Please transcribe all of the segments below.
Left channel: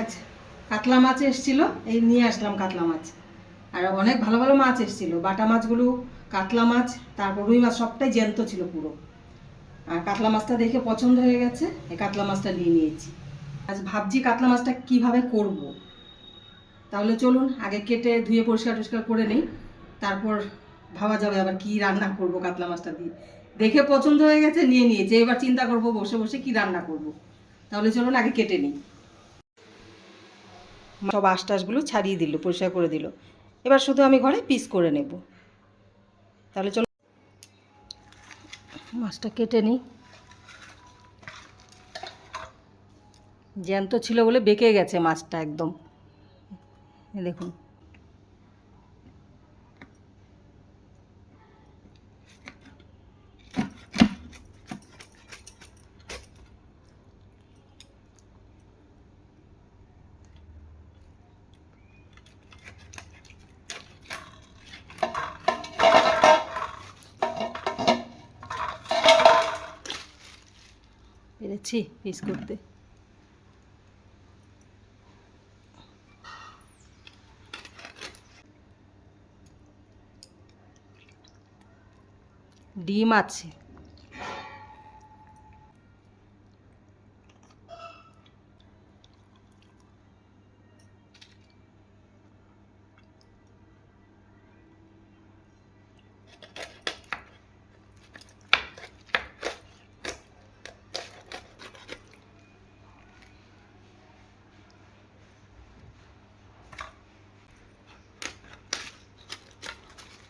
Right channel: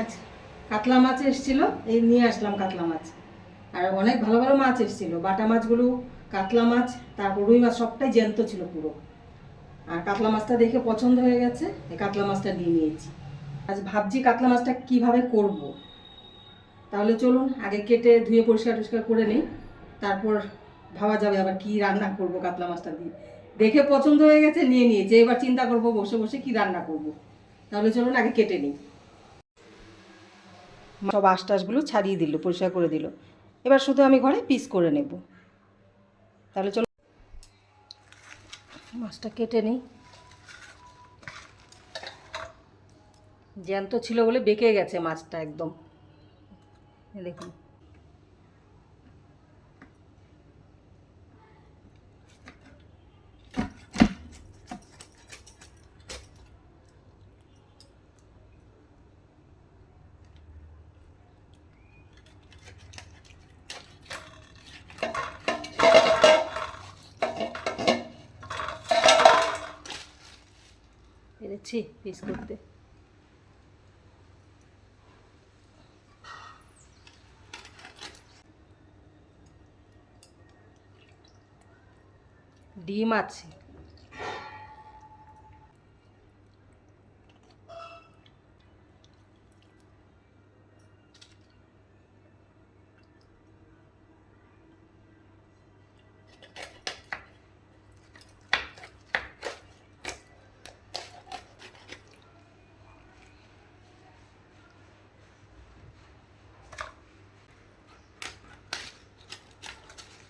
আচ্ছা, কাতলা মাছ এসেছিল, এই নিয়ে আসলাম কাতলা মাছ। আর অনেক ভালো ভালো মাছ এসেছিল, বাটা মাছগুলো, কাতলা মাছ, তারপর রুই মাছ, সবটাই জ্যান্ত ছিল পুরো। আর কাতলা মাছটা দেখে পছন্দ হয়ে গেছে, এই কাতলা মাছটা নিয়ে নিয়েছি। আজ ভাবছি কাতলা মাছটা কিভাবে করব। তাহলে চলুন আগে কেটে ধুয়ে পরিষ্কার টরিষ্কার করে নিই, তারপর ভাবা যাবে আবার কি রান্না করব কাতলা মাছটা দিয়ে। দেখে পছন্দ হয়ে গেছে, নিয়ে নিয়েছি, এবার চিন্তা করব বসে বসে কি রান্না করব। তাহলে চলুন আগে কেটে নিই। সব আঁশটাশগুলো ছাড়িয়ে দিল, পরিষ্কার করে দিল। এবার শুধু আমি ঘরে পিস করে নেব। তাহলে চলো মাছটা কেটে নিই। জ্যান্ত ছিল বলে বেঁকে গেছে মাছটা একদম, দেখুন। পেরেছি পিস করতে। ডিম আছে,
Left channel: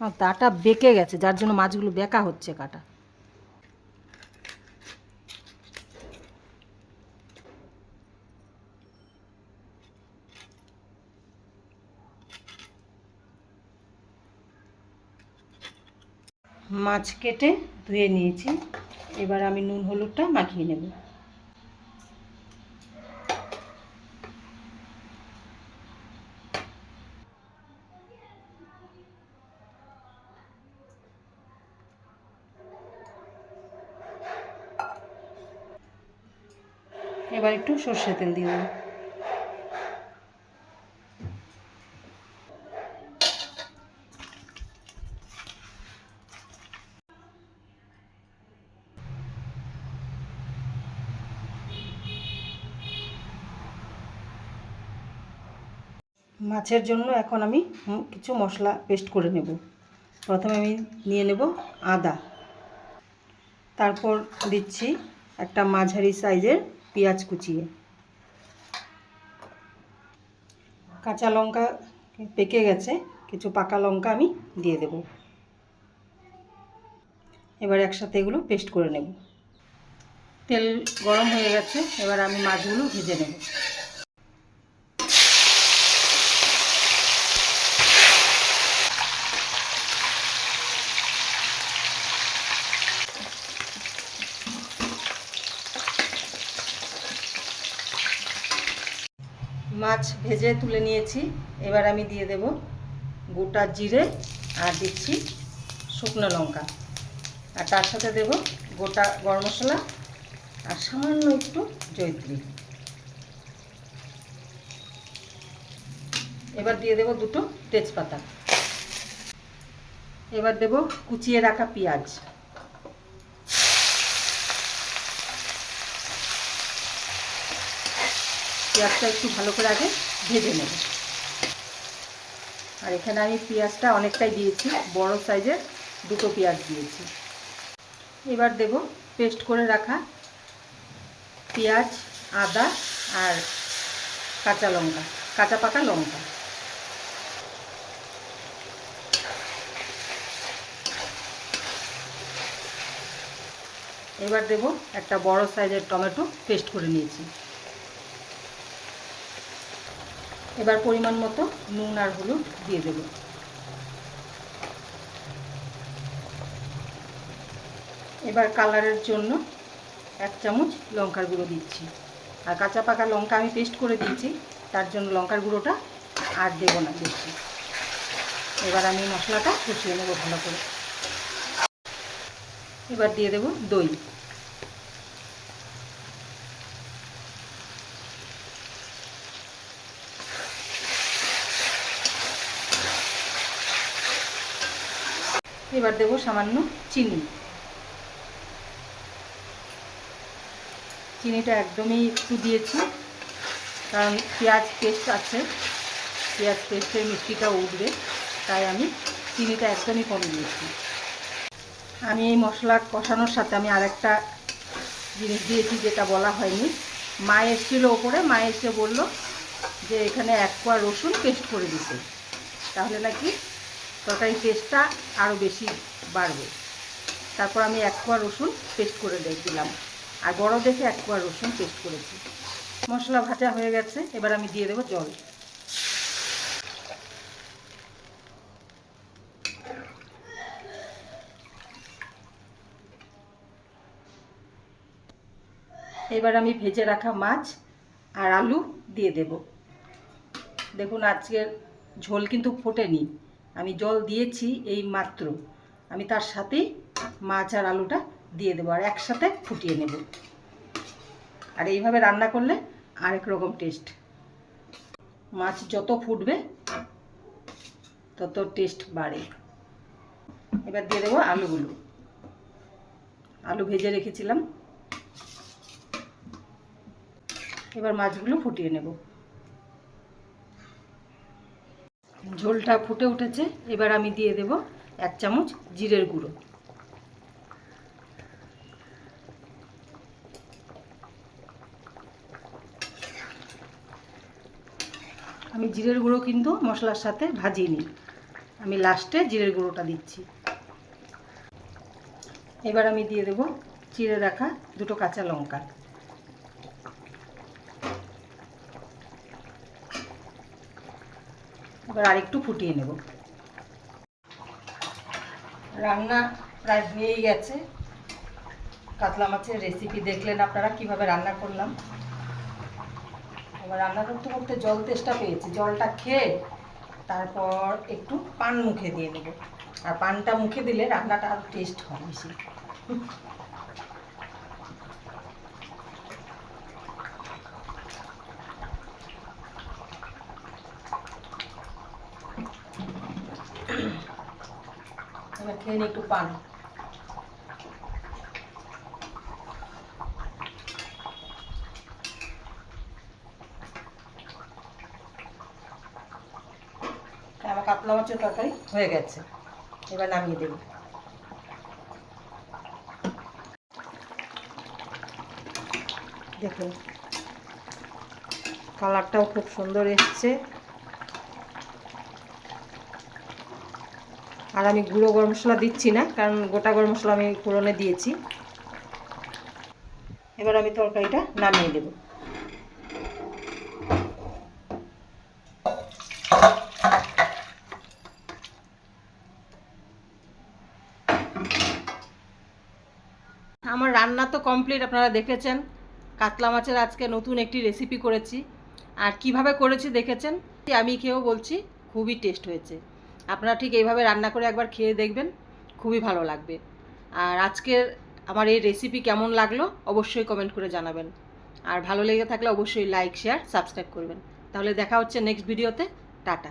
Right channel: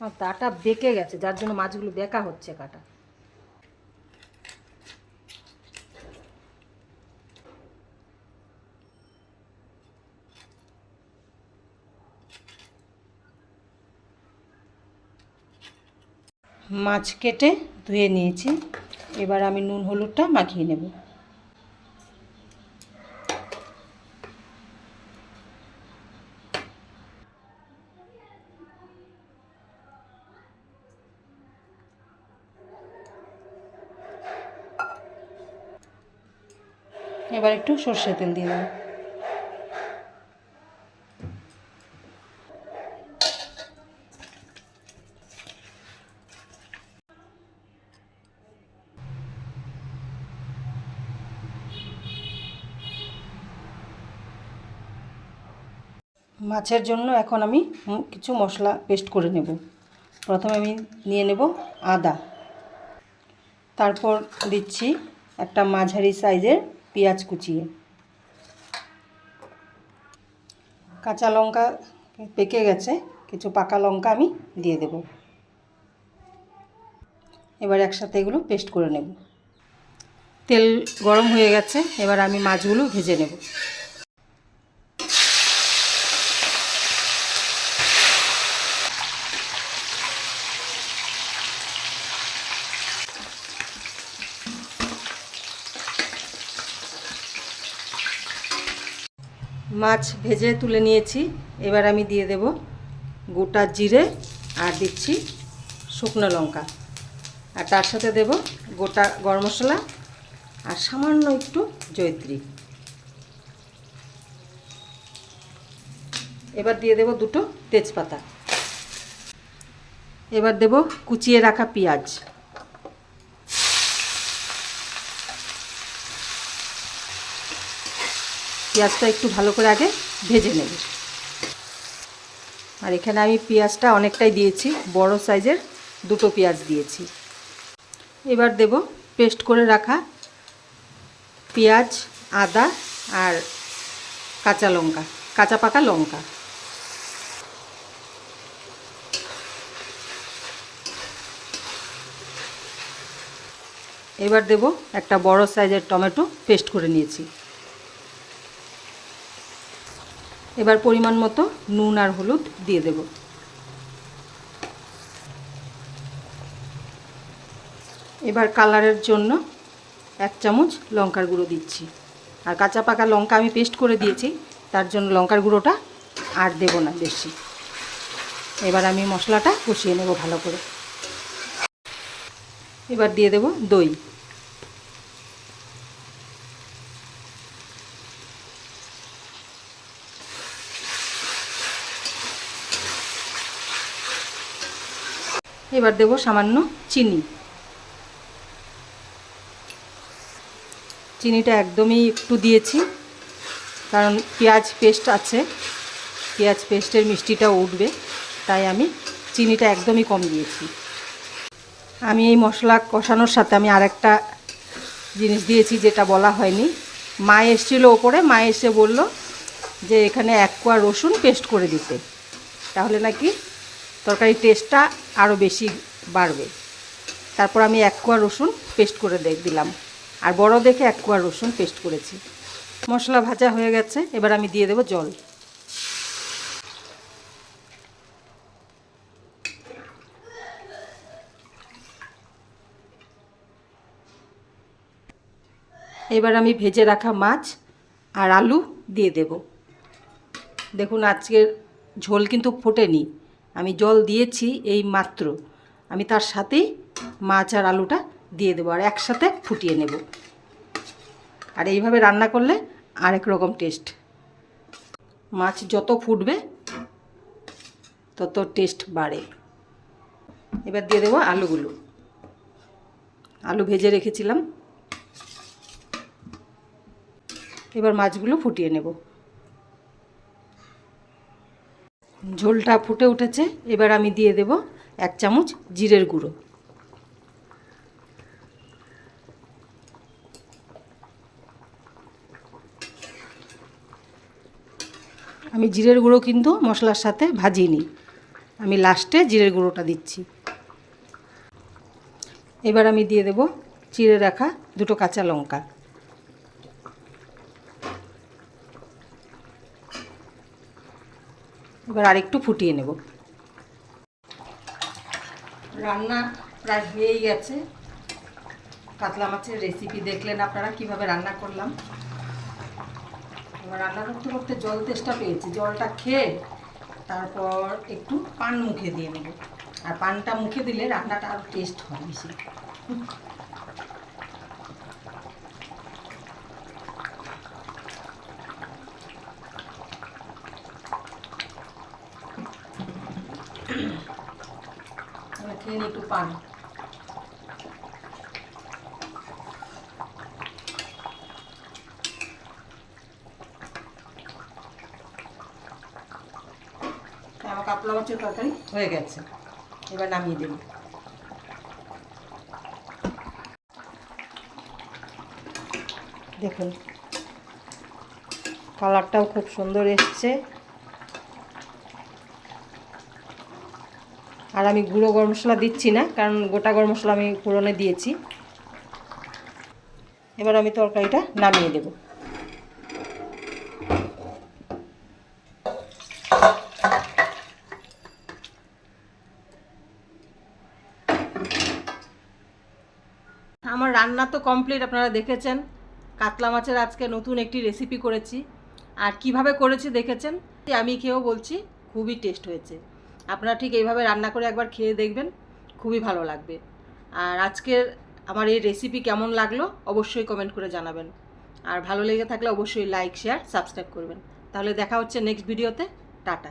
আর তাটা বেঁকে গেছে, যার জন্য মাছগুলো বেঁকা হচ্ছে কাটা। মাছ কেটে ধুয়ে নিয়েছি, এবার আমি নুন হলুদটা মাখিয়ে নেব। এবার একটু সর্ষে তেল দিয়ে দেবো। মাছের জন্য এখন আমি কিছু মশলা পেস্ট করে নেব। প্রথমে আমি নিয়ে নেব আদা, তারপর দিচ্ছি একটা মাঝারি সাইজের পেঁয়াজ কুচিয়ে, কাঁচা লঙ্কা পেকে গেছে, কিছু পাকা লঙ্কা আমি দিয়ে দেব। এবার একসাথে এগুলো পেস্ট করে নেব। তেল গরম হয়ে গেছে, এবার আমি মাছগুলো ভেজে নেব। মাছ ভেজে তুলে নিয়েছি, এবার আমি দিয়ে দেব গোটা জিরে, আর দিচ্ছি শুকনো লঙ্কা, আর তার সাথে দেব গোটা গরম মশলা, আর সামান্য একটু জয়িত্রী। এবার দিয়ে দেব দুটো তেজপাতা। এবার দেব কুচিয়ে রাখা পেঁয়াজ। পেঁয়াজটা একটু ভালো করে আগে ভেজে নেব। আর এখানে আমি পেঁয়াজটা অনেকটাই দিয়েছি, বড় সাইজের দুটো পেঁয়াজ দিয়েছি। এবার দেব পেস্ট করে রাখা পেঁয়াজ, আদা আর কাঁচা লঙ্কা, কাঁচা পাকা লঙ্কা। এবার দেব একটা বড় সাইজের টমেটো পেস্ট করে নিয়েছি। এবার পরিমাণ মতো নুন আর হলুদ দিয়ে দেব। এবার কালারের জন্য 1 চামচ লঙ্কার গুঁড়ো দিচ্ছি। আর কাঁচা পাকা লঙ্কা আমি পেস্ট করে দিয়েছি, তার জন্য লঙ্কার গুঁড়োটা আর দেব না বেশি। এবার আমি মশলাটা কষিয়ে নেব ভালো করে। এবার দিয়ে দেব দই। এবার দেবো সামান্য চিনি। চিনিটা একদমই একটু দিয়েছি, কারণ পেঁয়াজ পেস্ট আছে, পেঁয়াজ পেস্টের মিষ্টিটাও উঠবে, তাই আমি চিনিটা একদমই কম দিয়েছি। আমি এই মশলা কষানোর সাথে আমি আরেকটা জিনিস দিয়েছি যেটা বলা হয়নি। মা এসেছিলো ওপরে, মা এসে বলল যে এখানে 1 কোয়া রসুন পেস্ট করে দিতে, তাহলে নাকি তরকারির টেস্টটা আরও বেশি বাড়বে। তারপর আমি 1 কোয়া রসুন পেস্ট করে দিলাম, আর বড় দেখে 1 কোয়া রসুন পেস্ট করেছি। মশলা ভাজা হয়ে গেছে, এবার আমি দিয়ে দেবো জল। এবার আমি ভেজে রাখা মাছ আর আলু দিয়ে দেব। দেখুন আজকের ঝোল কিন্তু ফোটেনি, আমি জল দিয়েছি এই মাত্র। আমি তার সাথেই মাছ আর আলুটা দিয়ে দেবো আর একসাথে ফুটিয়ে নেব। আর এইভাবে রান্না করলে আরেক রকম টেস্ট। মাছ যত ফুটবে তত টেস্ট বাড়ে। এবার দিয়ে দেবো আলুগুলো। আলু ভেজে রেখেছিলাম, এবার মাছগুলো ফুটিয়ে নেব। ঝোলটা ফুটে উঠেছে, এবার আমি দিয়ে দেব 1 চামচ জিরের গুঁড়ো। আমি জিরের গুঁড়ো কিন্তু মশলার সাথে ভাজিনি, আমি লাস্টে জিরের গুঁড়োটা দিচ্ছি। এবার আমি দিয়ে দেব চিড়ে রাখা 2টো কাঁচা লঙ্কা। এবার আরেকটু ফুটিয়ে নেব। রান্না প্রায় হয়েই গেছে। কাতলা মাছের রেসিপি দেখলেন আপনারা কিভাবে রান্না করলাম। এবার রান্না করতে করতে জল তেষ্টা পেয়েছি, জলটা খেয়ে তারপর একটু পান মুখে দিয়ে নেব। আর পানটা মুখে দিলে রান্নাটা আরও টেস্ট হয় বেশি। এবার খেয়ে নিই একটু পান। আমার কাতলা মাছের তরকারি হয়ে গেছে, এবার নামিয়ে দেব। দেখুন কালারটাও খুব সুন্দর এসছে। আর আমি গুঁড়ো গরম মশলা দিচ্ছি না, কারণ গোটা গরম মশলা আমি ফোড়নে দিয়েছি। এবার আমি তরকারিটা নামিয়ে দেব। আমার রান্না তো কমপ্লিট, আপনারা দেখেছেন। কাতলা মাছের আজকে নতুন একটি রেসিপি করেছি, আর কিভাবে করেছি দেখেছেন। আমি খেয়েও বলছি খুবই টেস্ট হয়েছে। আপনারা ঠিক এইভাবে রান্না করে একবার খেয়ে দেখবেন, খুবই ভালো লাগবে। আর আজকের আমার এই রেসিপি কেমন লাগলো অবশ্যই কমেন্ট করে জানাবেন। আর ভালো লেগে থাকলে অবশ্যই লাইক, শেয়ার, সাবস্ক্রাইব করবেন। তাহলে দেখা হচ্ছে নেক্সট ভিডিওতে। টাটা।